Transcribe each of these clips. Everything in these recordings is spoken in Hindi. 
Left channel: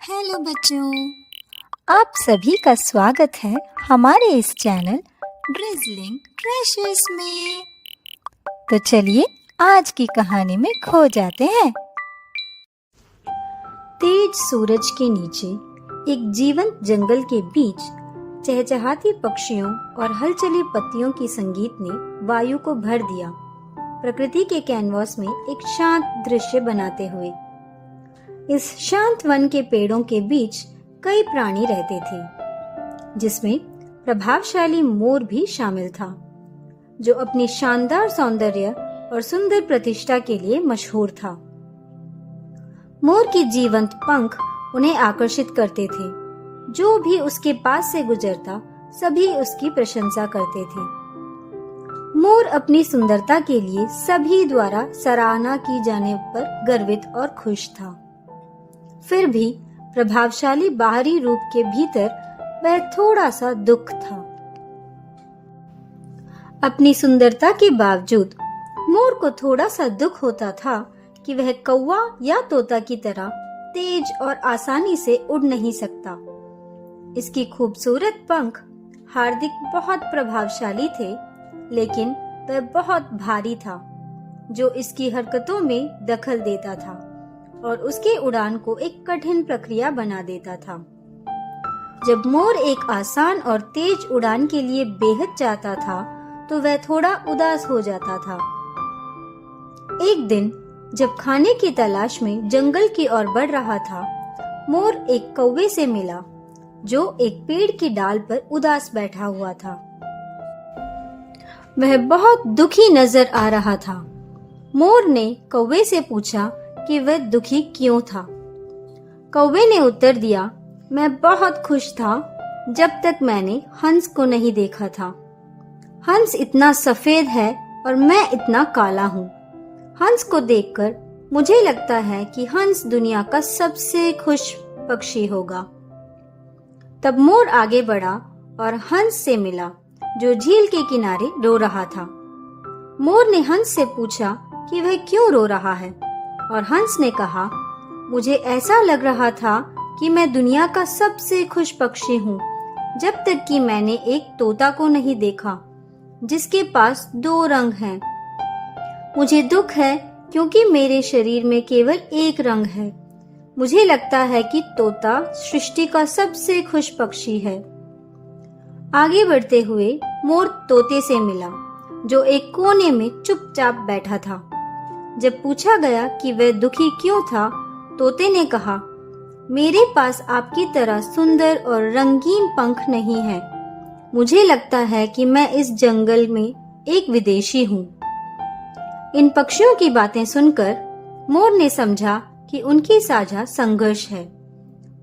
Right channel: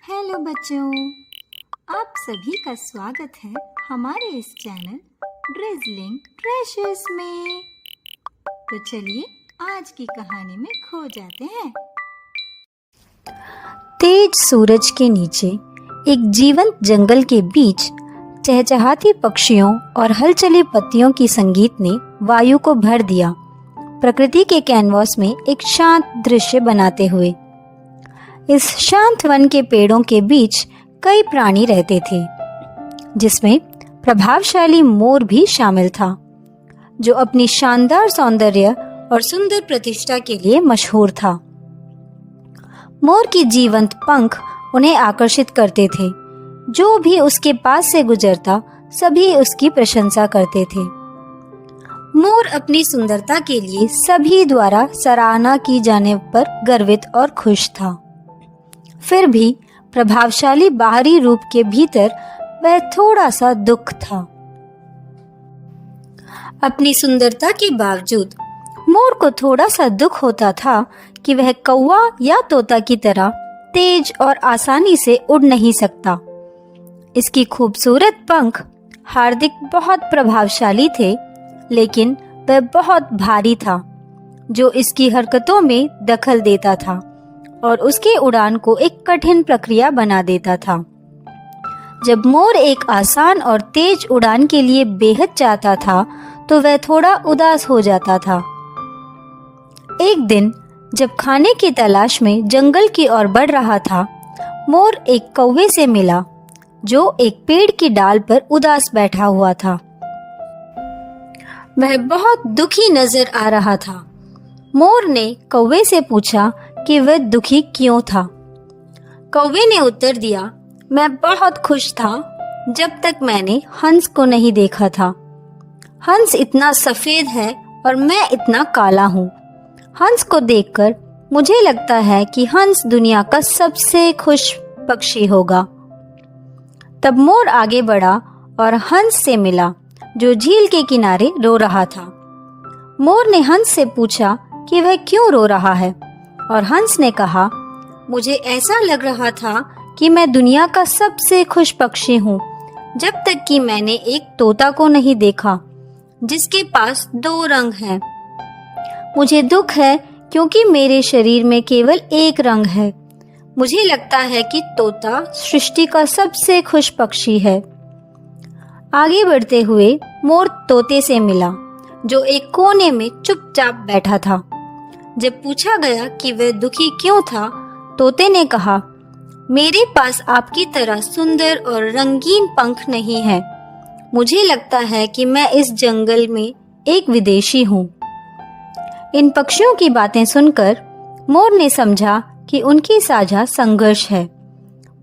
हेलो बच्चों, आप सभी का स्वागत है हमारे इस चैनल ड्रिज़लिंग ट्रेशर्स में। तो चलिए आज की कहानी में खो जाते हैं। तेज सूरज के नीचे एक जीवंत जंगल के बीच चहचहाती पक्षियों और हलचली पत्तियों की संगीत ने वायु को भर दिया, प्रकृति के कैनवास में एक शांत दृश्य बनाते हुए। इस शांत वन के पेड़ों के बीच कई प्राणी रहते थे, जिसमें प्रभावशाली मोर भी शामिल था, जो अपनी शानदार सौंदर्य और सुंदर प्रतिष्ठा के लिए मशहूर था। मोर की जीवंत पंख उन्हें आकर्षित करते थे। जो भी उसके पास से गुजरता सभी उसकी प्रशंसा करते थे। मोर अपनी सुंदरता के लिए सभी द्वारा सराहना की जाने पर गर्वित और खुश था। फिर भी प्रभावशाली बाहरी रूप के भीतर वह थोड़ा सा दुख था। अपनी सुंदरता के बावजूद मोर को थोड़ा सा दुख होता था कि वह कौवा या तोता की तरह तेज और आसानी से उड़ नहीं सकता। इसकी खूबसूरत पंख हार्दिक बहुत प्रभावशाली थे, लेकिन वह बहुत भारी था, जो इसकी हरकतों में दखल देता था और उसके उड़ान को एक कठिन प्रक्रिया बना देता था। जब मोर एक आसान और तेज उड़ान के लिए बेहद चाहता था, तो वह थोड़ा उदास हो जाता था। एक दिन जब खाने की तलाश में जंगल की ओर बढ़ रहा था, मोर एक कौवे से मिला, जो एक पेड़ की डाल पर उदास बैठा हुआ था। वह बहुत दुखी नजर आ रहा था। मोर ने कौवे से पूछा कि वह दुखी क्यों था। कौवे ने उत्तर दिया, मैं बहुत खुश था जब तक मैंने हंस को नहीं देखा था। हंस इतना सफेद है और मैं इतना काला हूँ। हंस को देखकर मुझे लगता है कि हंस दुनिया का सबसे खुश पक्षी होगा। तब मोर आगे बढ़ा और हंस से मिला, जो झील के किनारे रो रहा था। मोर ने हंस से पूछा कि वह क्यों रो रहा है, और हंस ने कहा, मुझे ऐसा लग रहा था कि मैं दुनिया का सबसे खुश पक्षी हूँ, जब तक कि मैंने एक तोता को नहीं देखा, जिसके पास 2 रंग हैं। मुझे दुख है क्योंकि मेरे शरीर में केवल एक रंग है। मुझे लगता है कि तोता सृष्टि का सबसे खुश पक्षी है। आगे बढ़ते हुए मोर तोते से मिला, जो एक कोने में चुपचाप बैठा था। जब पूछा गया कि वह दुखी क्यों था, तोते ने कहा, मेरे पास आपकी तरह सुंदर और रंगीन पंख नहीं है। मुझे लगता है कि मैं इस जंगल में एक विदेशी हूँ। इन पक्षियों की बातें सुनकर मोर ने समझा कि उनकी साझा संघर्ष है।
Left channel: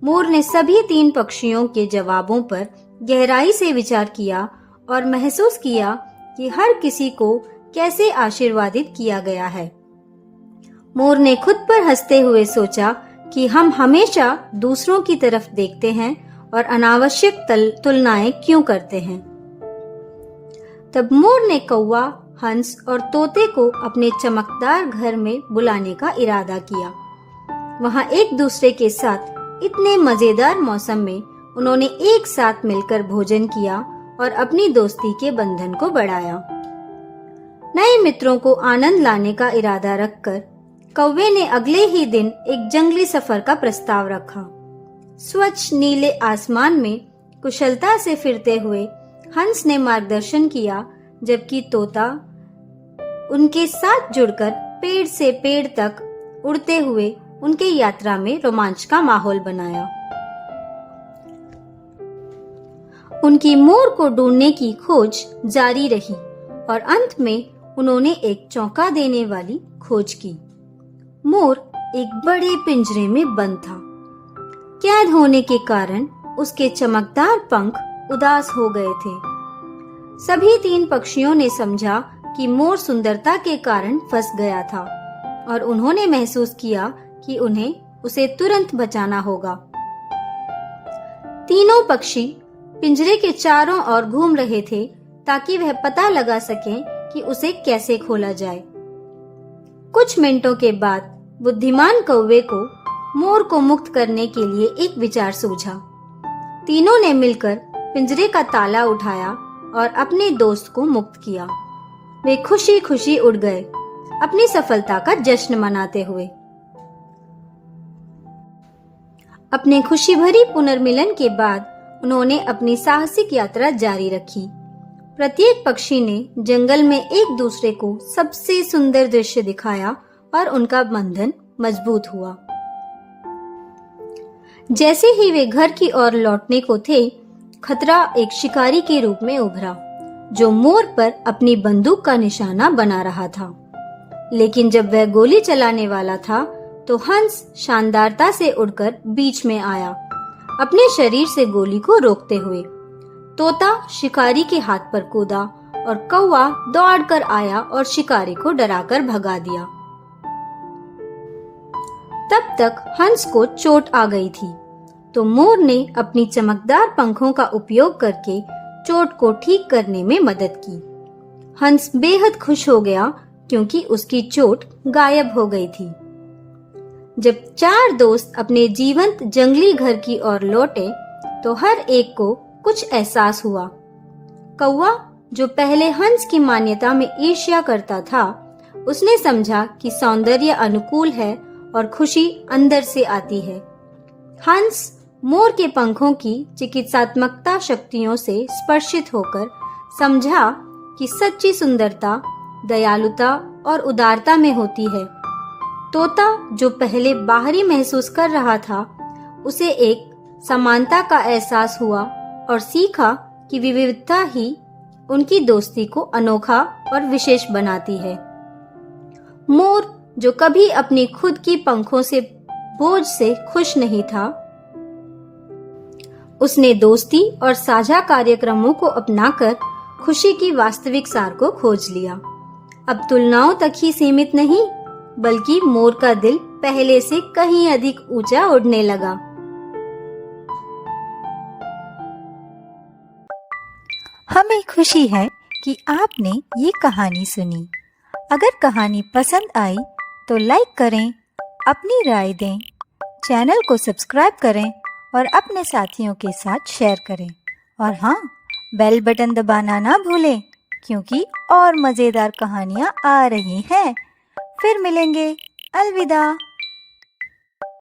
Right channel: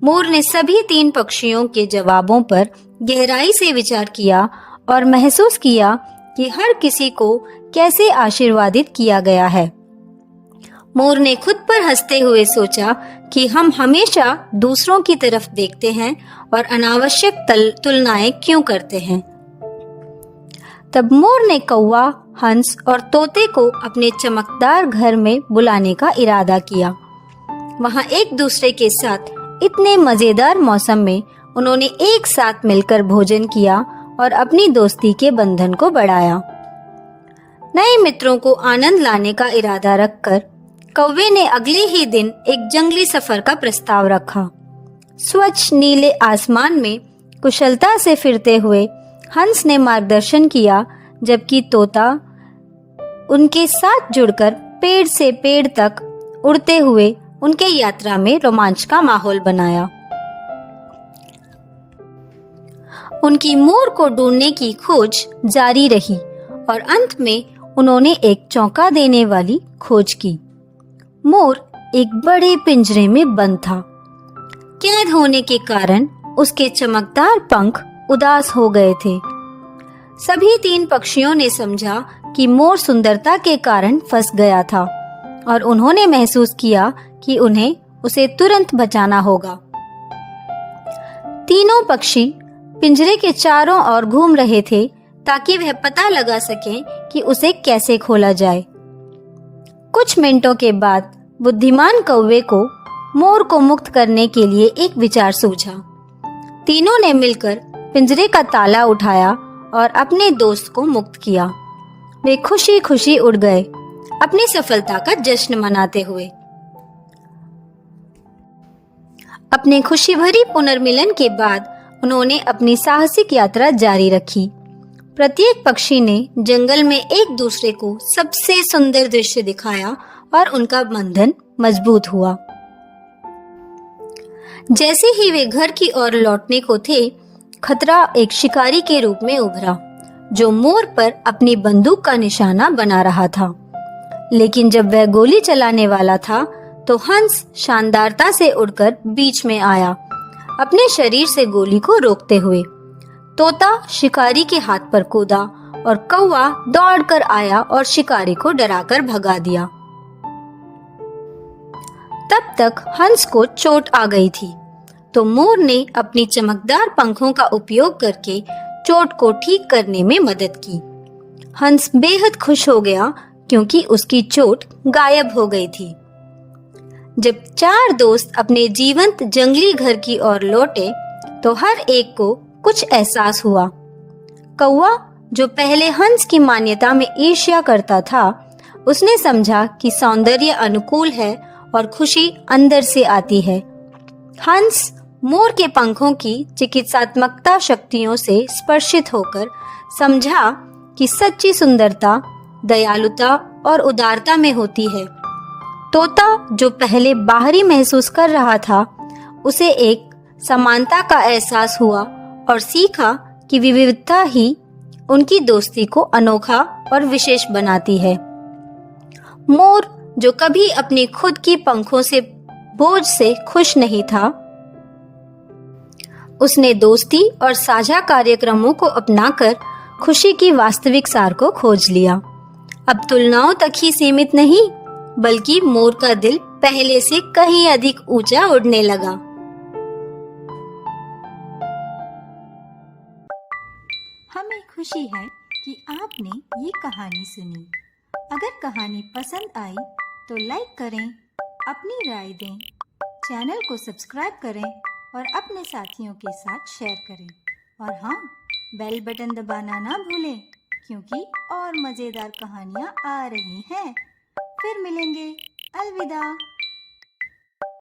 मोर ने सभी 3 पक्षियों के जवाबों पर गहराई से विचार किया और महसूस किया कि हर किसी को कैसे आशीर्वादित किया गया है। मोर ने खुद पर हंसते हुए सोचा कि हम हमेशा दूसरों की तरफ देखते हैं और अनावश्यक तुलनाएं क्यों करते हैं। तब मोर ने कौवा, हंस और तोते को अपने चमकदार घर में बुलाने का इरादा किया। वहां एक दूसरे के साथ इतने मजेदार मौसम में उन्होंने एक साथ मिलकर भोजन किया और अपनी दोस्ती के बंधन को बढ़ाया। नए मित्रों को आनंद लाने का इरादा रखकर कौवे ने अगले ही दिन एक जंगली सफर का प्रस्ताव रखा। स्वच्छ नीले आसमान में कुशलता से फिरते हुए हंस ने मार्गदर्शन किया, जबकि तोता उनके साथ जुड़कर पेड़ से पेड़ तक उड़ते हुए उनके यात्रा में रोमांच का माहौल बनाया। उनकी मोर को ढूंढने की खोज जारी रही और अंत में उन्होंने एक चौंका देने वाली खोज की। मोर एक बड़े पिंजरे में बंद था। कैद होने के कारण उसके चमकदार पंख उदास हो गए थे। सभी 3 पक्षियों ने समझा कि मोर सुंदरता के कारण फंस गया था और उन्होंने महसूस किया कि उन्हें उसे तुरंत बचाना होगा। तीनों पक्षी पिंजरे के चारों ओर घूम रहे थे ताकि वह पता लगा सकें कि उसे कैसे खोला जाए। कुछ मिनटों के बाद बुद्धिमान कौवे को मोर को मुक्त करने के लिए एक विचार सूझा। तीनों ने मिलकर पिंजरे का ताला उठाया और अपने दोस्त को मुक्त किया। वे खुशी खुशी उड़ गए, अपनी सफलता का जश्न मनाते हुए। अपने खुशी भरी पुनर्मिलन के बाद उन्होंने अपनी साहसिक यात्रा जारी रखी। प्रत्येक पक्षी ने जंगल में एक दूसरे को सबसे सुंदर दृश्य दिखाया और उनका बंधन मजबूत हुआ। जैसे ही वे घर की ओर लौटने को थे, खतरा एक शिकारी के रूप में उभरा, जो मोर पर अपनी बंदूक का निशाना बना रहा था। लेकिन जब वह गोली चलाने वाला था, तो हंस शानदारता से उड़कर बीच में आया, अपने शरीर से गोली को रोकते हुए। तोता शिकारी के हाथ पर कूदा और कौवा दौड़कर आया और शिकारी को डराकर भगा दिया। तब तक हंस को चोट आ गई थी, तो मोर ने अपनी चमकदार पंखों का उपयोग करके चोट को ठीक करने में मदद की। हंस बेहद खुश हो गया क्योंकि उसकी चोट गायब हो गई थी। जब चार दोस्त अपने जीवंत जंगली घर की ओर लौटे, तो हर एक को कुछ एहसास हुआ। कौवा, जो पहले हंस की मान्यता में ईर्ष्या करता था, उसने समझा कि सौंदर्य अनुकूल है और खुशी अंदर से आती है। हंस मोर के पंखों की चिकित्सात्मकता शक्तियों से स्पर्शित होकर समझा कि सच्ची सुंदरता दयालुता और उदारता में होती है। तोता, जो पहले बाहरी महसूस कर रहा था, उसे एक समानता का एहसास हुआ और सीखा कि विविधता ही उनकी दोस्ती को अनोखा और विशेष बनाती है। मोर, जो कभी अपनी खुद की पंखों से बोझ से खुश नहीं था, उसने दोस्ती और साझा कार्यक्रमों को अपनाकर खुशी की वास्तविक सार को खोज लिया। अब तुलनाओं तक ही सीमित नहीं, बल्कि मोर का दिल पहले से कहीं अधिक ऊंचा उड़ने लगा। हमें खुशी है कि आपने ये कहानी सुनी। अगर कहानी पसंद आई तो लाइक करें, अपनी राय दें, चैनल को सब्सक्राइब करें और अपने साथियों के साथ शेयर करें। और हाँ, बेल बटन दबाना ना भूलें, क्योंकि और मज़ेदार कहानियाँ आ रही हैं। फिर मिलेंगे। अलविदा।